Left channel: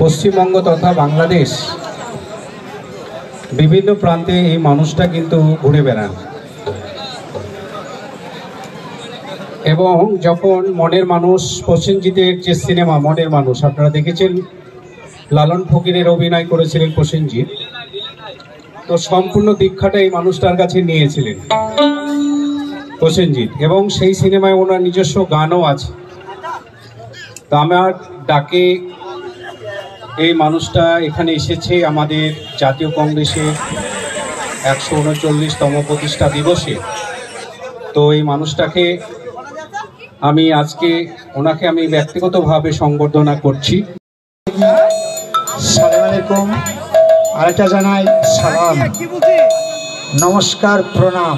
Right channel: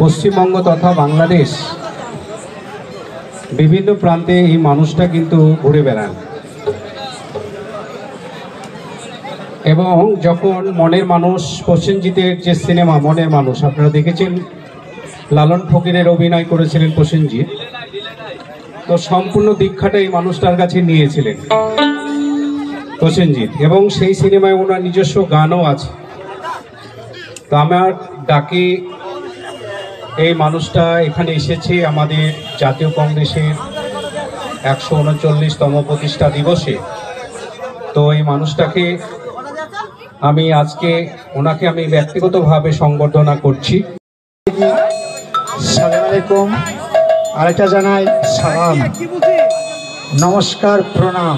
পশ্চিমবঙ্গ তথা বাংলাদেশ বিভিন্ন প্রান্তে এই মানুষটা কিন্তু ঘুরে বেড়ান এবং যখন মনের মানুষ প্রসেনজিতের যে সিনেমা মনের মানুষ আপনারা দেখেছেন, লালন ফকিরের অভিনয় করেছিলেন প্রসেনজিৎ, তো সম্পূর্ণ দীক্ষাটা এই মানুষটার কাছে নিয়েছিলেন প্রসেনজিৎ এবং সেই সিনেমায় ওনার নিজস্ব গানও আছে। তো আমার ডাকে এই মানুষটা এখানে এসেছে আমাদের জাতীয় কংগ্রেসের 139তম প্রতিষ্ঠা দিবসে। তো এই মানুষটাকে আমি আজকে ওনাকে আমি ব্যক্তিগতভাবে সংবর্ধনা করছি। সালাম আলাইকুম, আরেকটা জানাই সালাম, নমস্কার, প্রণাম।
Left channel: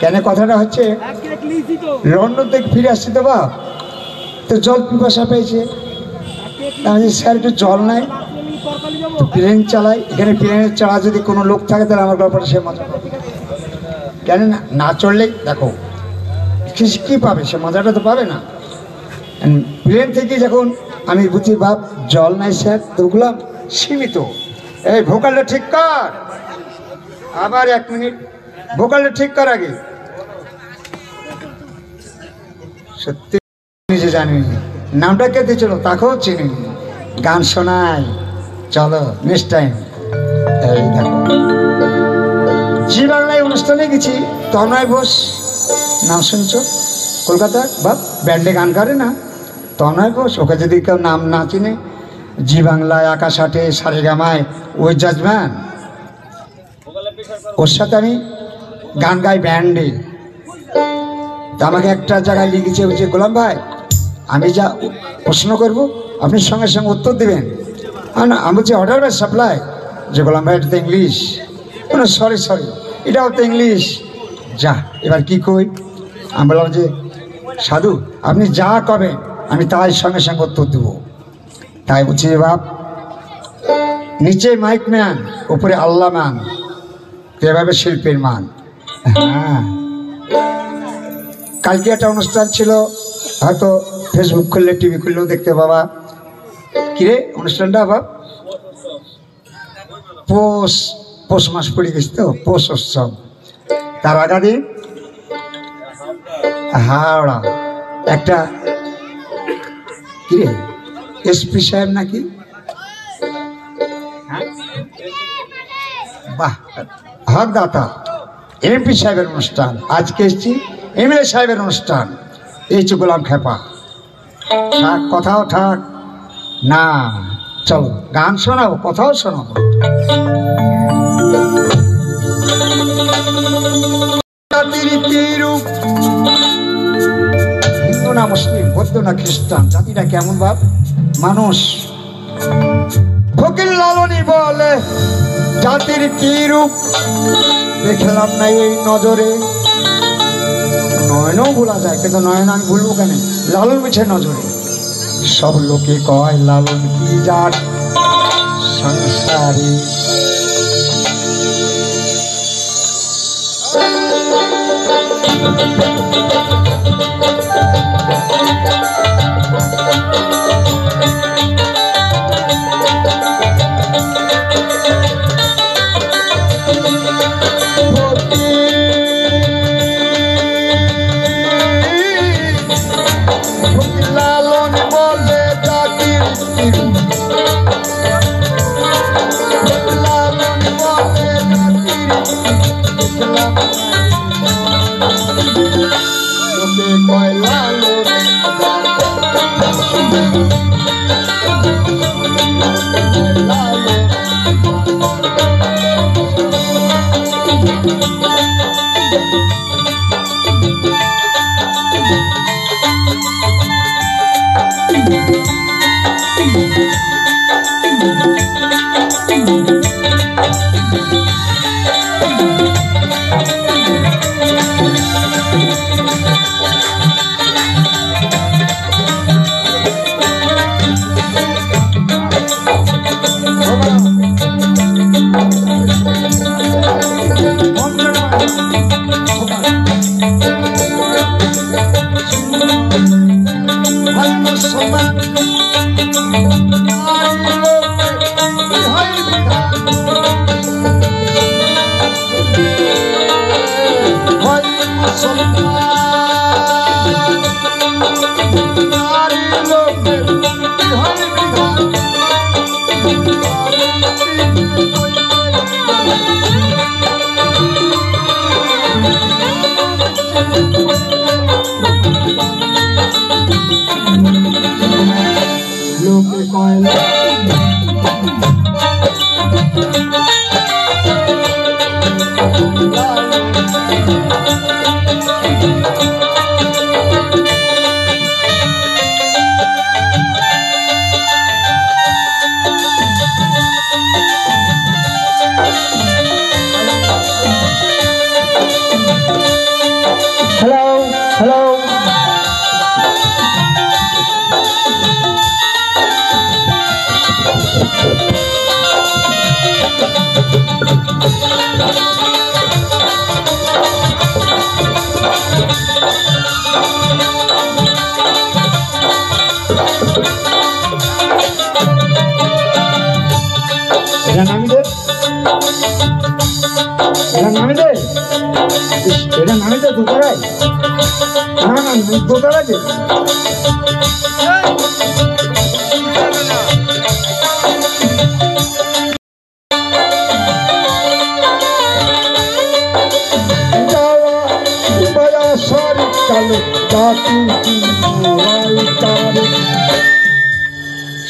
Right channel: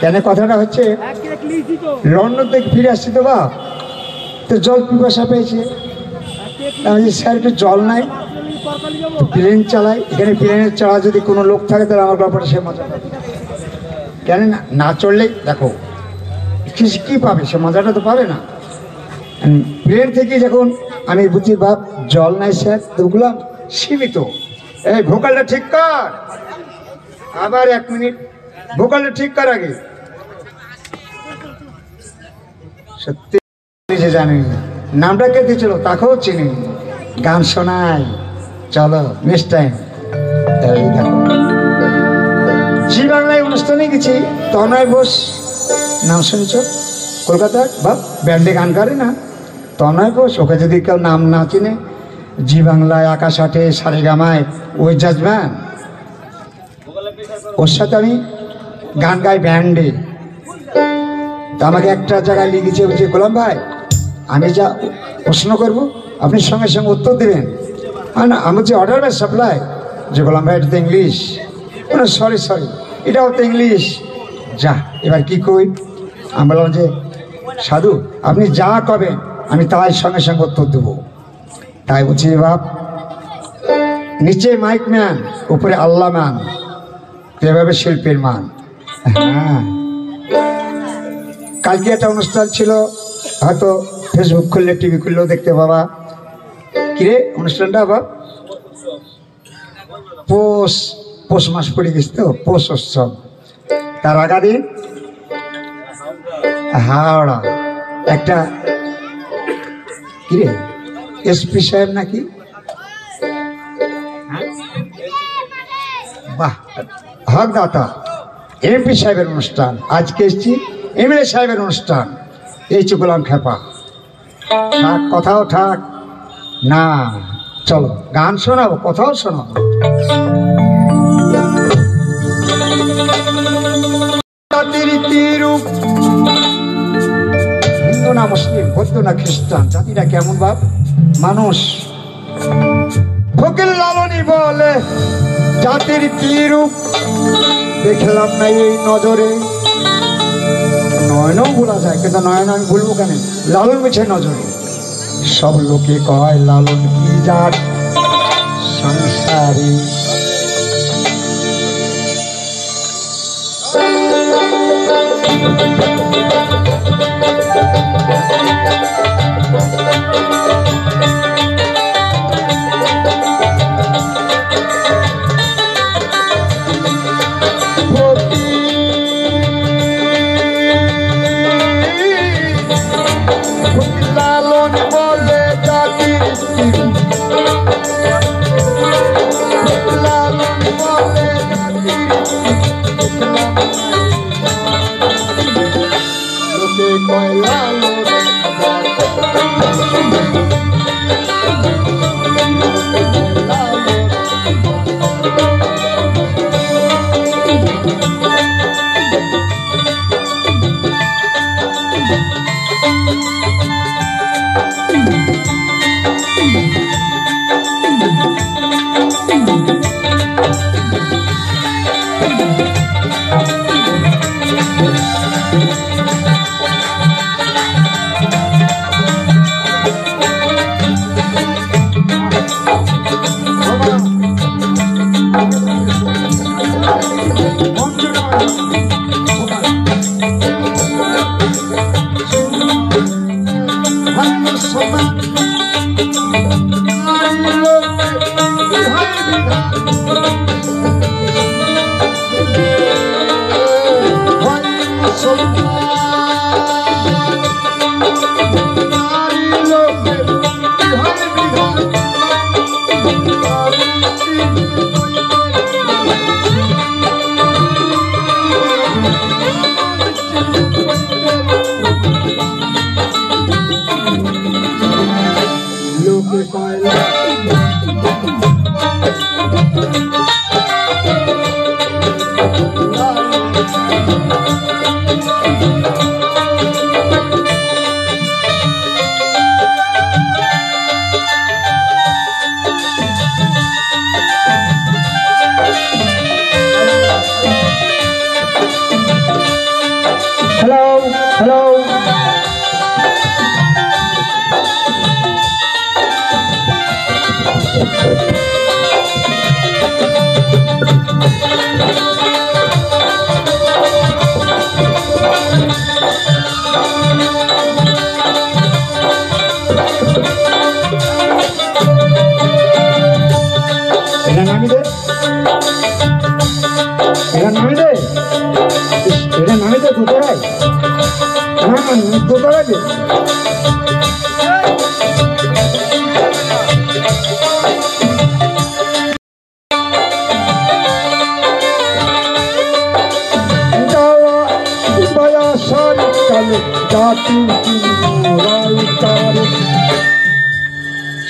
কেন কথাটা হচ্ছে লন্ডন থেকে ফিরে আসছি তো বাপ, তো জল পিপাসা পেয়েছে, আমি স্যার একটু জল নাই, প্লেন চালাই, এখানে প্লেনের চালা যদি কোনো লোক থাকে তাহলে আমার ব্যাপারে সে মজা পাবে। কেন না চললে দেখো কী পাবে, সে মজাটা তো পাবে না। প্লেন থেকে যখন আমি বুঝি বাপ জল নাই স্যার, তোগুলো সীমিত। এই ভোকালটা ঠিক কর, আবার 1 মিনিট ভোকালটা ঠিক কর আগে। সত্যি নিজে জানি নামটা কে দিয়েছিল তাকেও চিনি, গান শোনাই, চলো নেক্সট টাইম। এই দেখো জি বাংলায় অনুষ্ঠানে গেছি, তনয় বোস নাম শুনছ, কলকাতার বাপ ব্যান্ডে গান করে না, তনয় বোস। ওকে যদি কেউ নাম না চিনে, জি বাংলায়, আকাশ আটে, সারেগামায় ওই জাজম্যান, ওর সাথে আমি গান গাই ব্যান্ডে। আমাকে একটা জায়গায় লিখেছে, বলছে গোলাম ভাই আমি যা প্রশ্ন করবো আপনি সঙ্গে সঙ্গে উত্তর দেবেন। না আমি বলছি অর্ডার বাই সাপ্লাই, যে গোলাম ভাই এটা তো ইংলিশ। সরি এটাও তো ইংলিশ, যা এবার কি কই। আমি বললাম যে সাধু আপনি যা কবেন আমি তাই সঙ্গে সঙ্গে উত্তর দেবো। তাই বলছি বাপ নিচে মাইক ম্যান, উপরে আল্লাহ ম্যান, এভাবে শিল্পের মান। হ্যাঁ, কালকে একটা অনুষ্ঠান ছিল, হয়তো ফেসবুক খুললে টিভি খুললেও দেখতে পাবা। কিরে অনুষ্ঠানটা বাপ? পৌষ মাস পড়ে গেছে তো, পৌষ উৎসব। তার আগাদিন হাওড়া একটা কিরে এসপি সাহেব নাকি, বাহ হকদাতা এমপি সাহেবের অনুষ্ঠান, আজকে এসছি এমএলএ সাহেবের অনুষ্ঠান। এই গোলাম খেপা থাক, কথাও থাক না, চলো গান শোনাবো, কথাও শোনাবো। হিন্দু না মুসলিম, বৌদ্ধ না খ্রিস্টান, জাতিটা কেমন বাপ মানুষ। ফকির লালনী বলে জাতির কি রূপ দেখলাম নাই এই নজরে। নয়নও ভোলা যায়, কিন্তু নয়ন আমি ভুলবো কেন, লালন মিছে নজরে। সব লোকে কয় লালন কি জাত সংসারী, লোকে কয়লা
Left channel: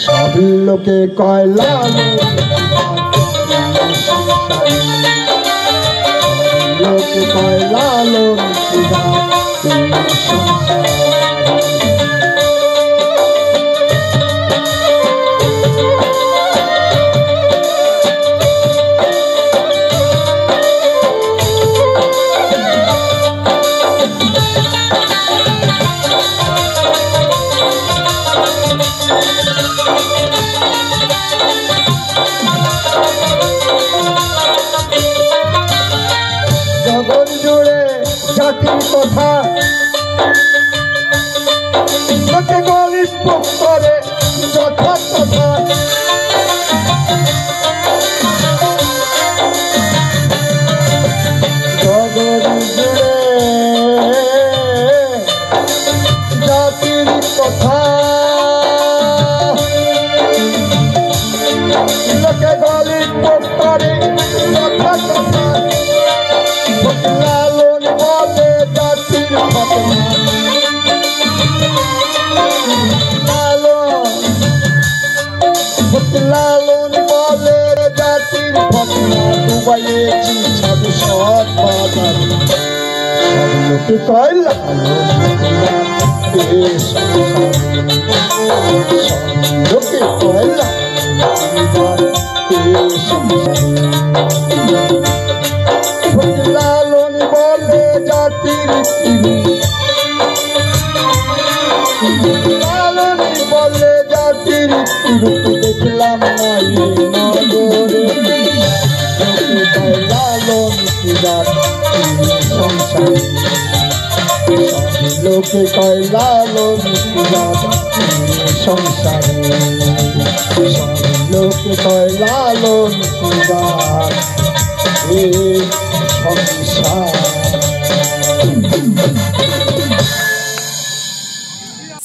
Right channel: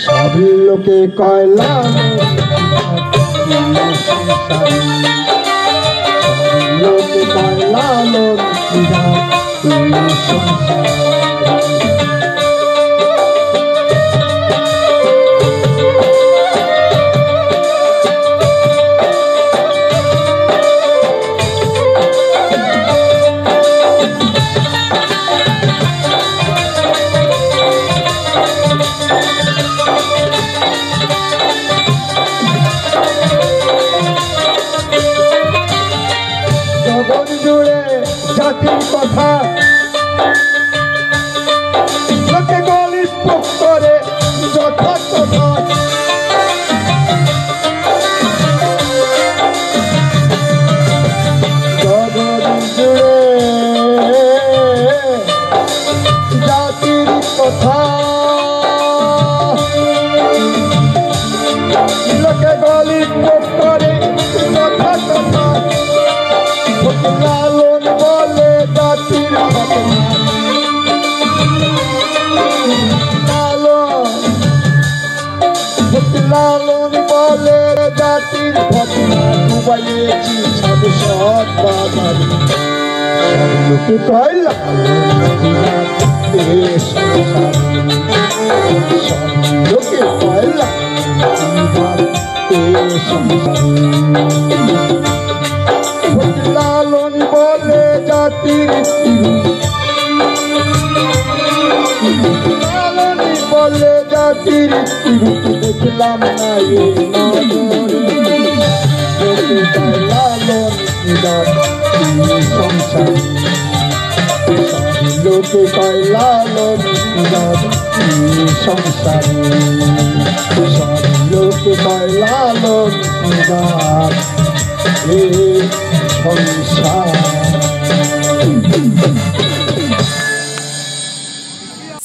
সব লোকে কয়লা লোকে কয়লা জগৎ জুড়ে জাতির কথা লোকে গলিত করে যথা কথা জগৎ জুড়ে জাতির কথা লোকে গলিত করে যথা কথা লালন বলে জাতির লালন বলে জাতির ডুবাইয়েছি সব সব বাজার সব লোকে কয় সব লোকে কয় লালন বলে জাতির লালন বলে জাতির দেখলাম না লোকে কয় লালন সংসার লোকে কয় লালন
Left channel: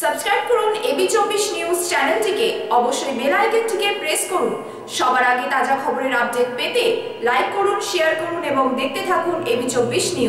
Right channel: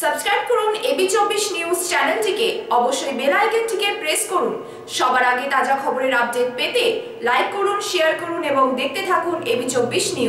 সাবস্ক্রাইব করুন এবি24 নিউজ চ্যানেলটিকে, অবশ্যই বেল আইকনটিকে প্রেস করুন। সবার আগে তাজা খবরের আপডেট পেতে লাইক করুন, শেয়ার করুন এবং দেখতে থাকুন এবি24 নিউজ।